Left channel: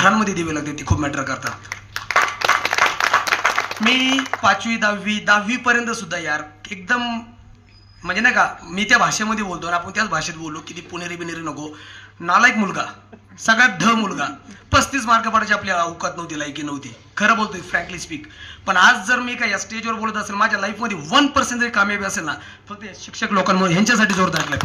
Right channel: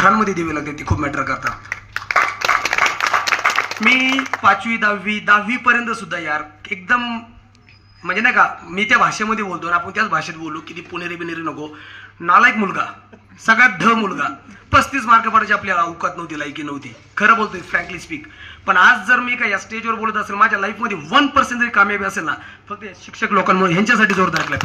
घरांमध्ये दिवे लागते ती खूप मॅटर करतात. मी 5वी 10वी पर्यंत सुद्धा यार एकदम म्हणजे नाही का मी त्या भाषेमध्ये बोलतो आणि आपण त्याच भाषेत बोललो की ती पुणेरी बिनेरी नको. नालायक मुलगा, सगळ्यात ढ मुलगा, 35 मार्क पडायची आपल्या अवकात नव्हती, लायकी नव्हती. खरं बोलतोय फ्रँकली स्पीक. पण आज जर मी काय या स्टेजवर बोलत असेल, माझ्या लाईफमध्ये 1% जरी कामयाबी असेल ना, फक्त शिक्षक लोकांमुळे, ह्यांच्यासाठी जोरदार क्लॅप.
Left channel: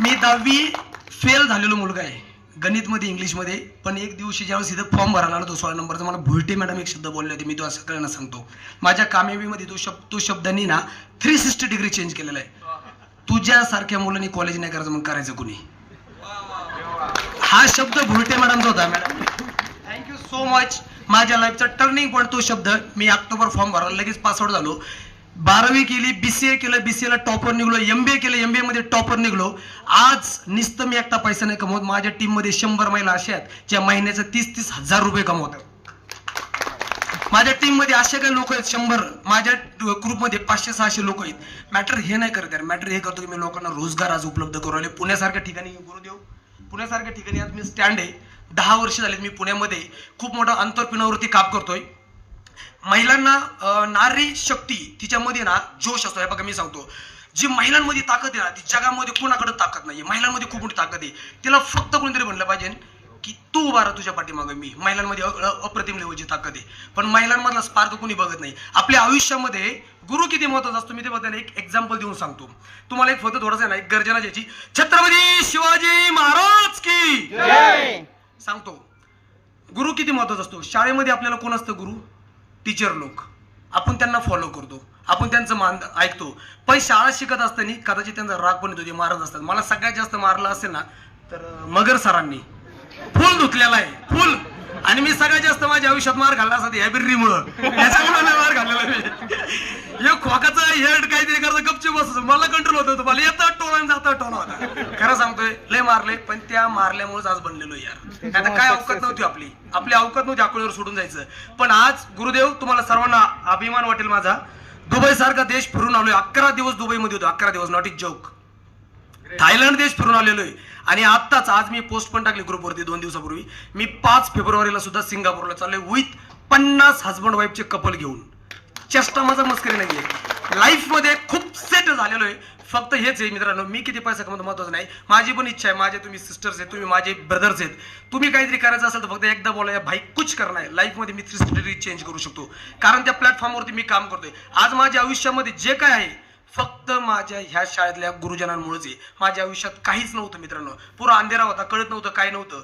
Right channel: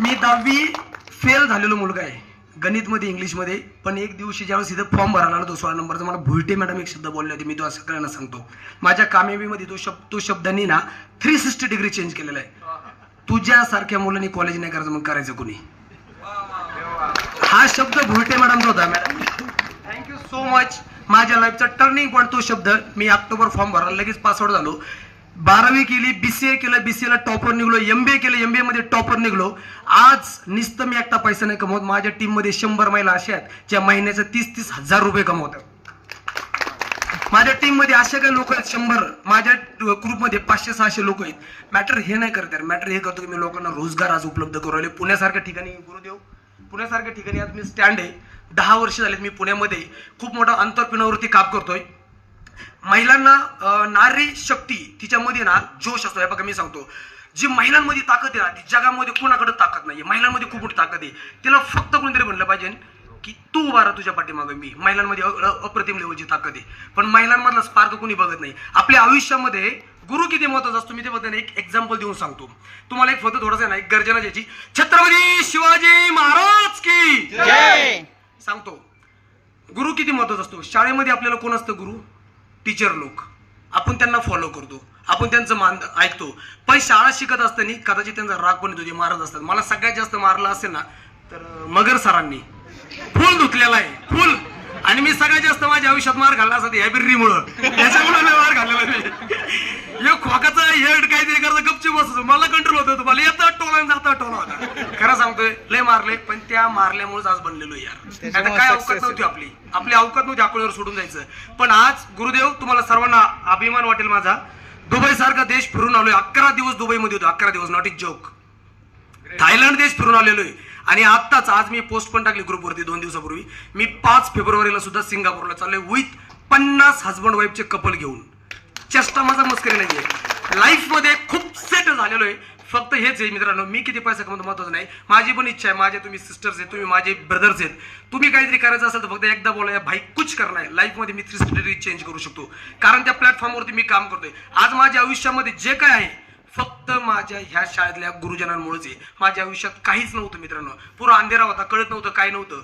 मी 10वी फेल झालेलो मुलगा आहे गणितमध्ये, इंग्लिशमध्ये. पण एक दिवशी ज्यावेळेस इथं फॉर्म भरायला आलो तो 16 नंबरचा, मला भुलटे मॅडम एक शब्द बोलले होते, मी तो असं सगळ्यांना सांगतो. माझ्या कामयाबीमध्ये तो शब्दांनी ना 360 डिग्री चेंज केलेला आहे. तुझ्यासारख्या मुलांनी कॉलेज नाही करायचं, मग करायचं कोणी? हा शब्द भुलटे मॅडमचा होता. Madam thank you so much. माझ्या लाईफचा टर्निंग पॉईंट तो शब्द. मी ऑक्टोबर फॉर्म भरायला लगेच पासआउट झालो. 12वी केली, BCA केलं, BCA ला टॉपर निघलो, MBA केलं, MBA मध्ये टॉपर निघलो. आज नुसतं मी एकटा पैसा नाही कमवत, माझ्या टीम मध्ये 100 महिला अशा आहेत ज्या महिन्याचे 30-30 हजार रुपये कमवतात. माझ्या टीम मध्ये असे काही लोक आहेत 100, माझ्या ग्रुपमध्ये 500-600 लोक आहेत. मॅटर हे नाही करत, मॅटर हे करतो की मी लोकांना रोजगार आज उपलब्ध करू राहिले. पुण्यासारख्या ठिकाणी गुरुदेव, पुण्यासारख्या ठिकाणी आज मी स्टँड आहे. 10 वर्ष झालेत मी पुण्यामध्ये खूप मोठा अंतरपिनवरती काम करतोय. महिलांना नारी शक्ती तिच्यामध्ये ना जोश असतो. हे बघा मी सांगतो, जी महिलांमध्ये ताकद आहे ना ती जगामध्ये कोणाकडे ताकद नाहीये. महिलांमध्ये खूप मोठी ताकद आहे. तिला फक्त कोणतरी म्हणलं पाहिजे की तू उभा राहा तुझ्या पाठीमागे. मी महिलांमध्ये अप्रतिम लेवलची ताकद आहे. पण महिलांमधला स्पार्क कोणी बघत नाही. आपल्या आयुष्यामध्ये गुरु किती महत्वाचा असतो मी ते बघताना एक एक्झाम्पल देऊन सांगतो तुम्हाला. एक फक्त थोडासा ना एक गर्जना द्यायची. छत्रपती शिवाजी महाराज की जय. सांगतो गुरु किती महत्वाचा असतो. शाळेमध्ये आपल्याला कोण असतं गुरु? टीचर लोक. आपण त्यांना फॉलो करतो, आपण त्यांचं मान ऐकतो. पण शाळा शिकत असताना कदाचित त्यांचा राग पण येतो, जे महाराज असतात. मला सगळ्यात जास्त मारलं असेल ना तर मगर सरांनी. फुल धुतलेला आहे, फुल. आणि मी सगळ्यात जास्त माझ्या आयुष्यात मार घालला असता या बिर्रीमुळं. याच्यामुळे मार घाललेला मी. हे खोकाचं हेड काहीतरी करतं गपचूप बसतो. मला कंट्रोल होत होतं. मला येतं टोला जातं टोला होता. खरं सांगतोय लय मारले, पण त्या मारल्यामुळेच आज बनलेलो यार. काय अवकात नव्हती आपली अवकात नव्हती अकोल्यावर सोडून जायचं. पण आज गुरुदेव तुम्हाला सर्वांना अभिमान वाटेल माझा. दुबई सारखा देश फिरून आलोय. 11 दिवस दुबईमध्ये होतो. 11 दिवस, नॉट इट जोक. थायलंड देश फिरून आलेलो आहे. आणि आत्ताच आज मी पोस्ट पण टाकली ग्रुपवरती 2 दिवसापूर्वी. मी 5 फेब्रुवारीला सुद्धा सिंगापूरला चाललोय विथ 50 हजबंड वाईफचे कपल घेऊन. चेष्टा माझा मस्करी नाहीये. लाईफ मध्ये खूप सेट झालेलो आहे. फक्त हेच आहे मित्रांनो, मी किती पैसा कमवतो महत्वाचं नाही. माझी पण इच्छा आहे, माझे तुम्ही सिस्टर्स आहेत, तुम्ही माझे ब्रदर्स आहेत. तुम्ही काहीतरी करायचं असेल तर फक्त एकदा बोला भाई कुछ करना है. लाईफ मध्ये मी 360 डिग्री चेंज करू शकतो, कारण त्या प्लॅटफॉर्मवरती मी काम करतोय. आज माझ्या आयुष्यामध्ये जे काय आहे फक्त माझ्या ह्या शाळेतल्या गुरुजनांमुळेच आहे. माझ्या आयुष्यात काहीच नव्हतं मित्रांनो. पुरा अंधेरा होता, कळत नव्हतं, काय नव्हतं.